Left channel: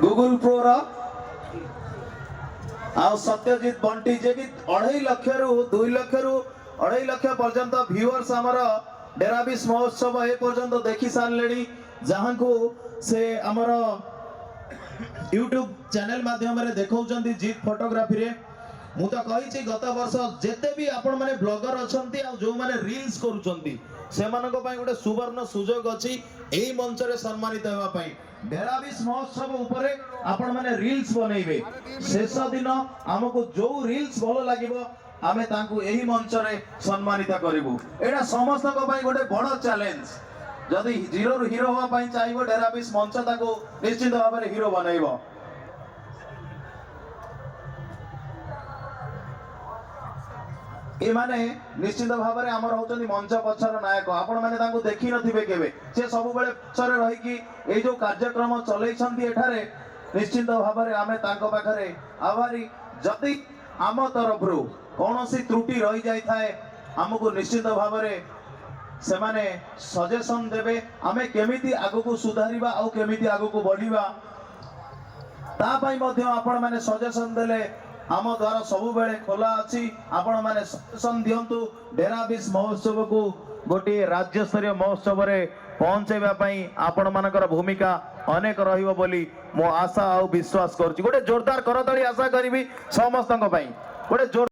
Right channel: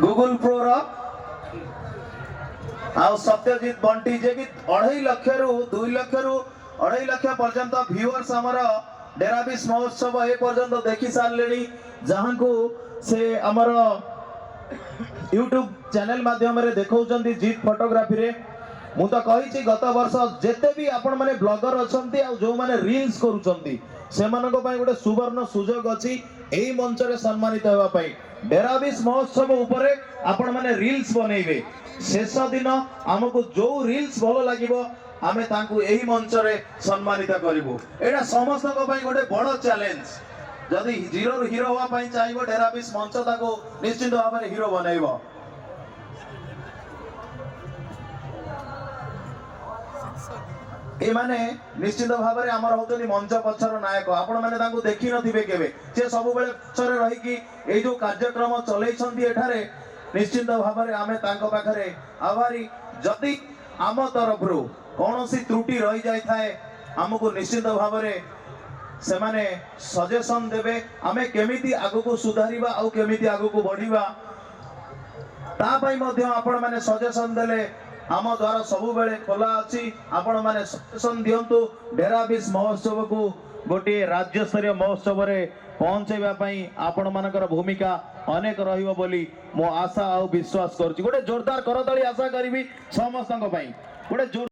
Google pro Satyajit Bunty जे कि 2.5 लाख रु 2 लाख रु 2.5 लाख पर्यंत व्यूअर्स आमर डेराबिस महोत्सव ए पर्यंत देखि सारे जहाँ को से आमर यूट्यूब चैनल माध्यम रे देखौचंती जीत फोटोग्राफी रे मु तो कही गत वर्ष जेते भी आपण माने ब्लॉगर अछंती आ जो माने रील्स करूचंती सेमानको पई गोटे सुवर्ण सुजोग अछि एई मंच रे सम्मानित हेबा पई डेराबिस महोत्सव उपरे आपण माने रील्स बनेइबे शेष दिन हमको जो रील्स भलो लागिबो आमे तांकु एही मंच रे सम्मानित करिवो एडा समस्तक पई गोटे बड़ चैलेंज जदि जीरो रु हीरो होवा पई चाहिबो डेराबिस मंच ताको निश्चित भाव में हीरो बनइबो ए माने निश्चित भाव में आमर होचनी मंच पछर नायक आपण माने ताको देखि नथिबे केबे से सब बेले पछरे रही कि ए जो कार्यक्रम चलै छंती एठारे निश्चित भाव में आमे तांको पाखरे आभारी जदि आम तरफ रु कोनोसी त्रुटि रही जाय थाए हमको निश्चित भाव में से माने सजेशन देबे आमे केमिति आगु को सुधारिबा आ केमिति आगु को बढ़िबा ता पई मध्ये आपण माने सजेशन देले आम द्वारा सबु बेले खोला अछि आपण माने सजेशन दियंतु डेराबिस महोत्सव को गोटे राज्य स्तरीय महोत्सव रे पहुंचेबा पई आपण मानकर भूमिका अनेक रहिबो बोली मो आशा आ विश्वास करछि गोटे जोरदार करताली आशा करबी समस्तक पई गोटे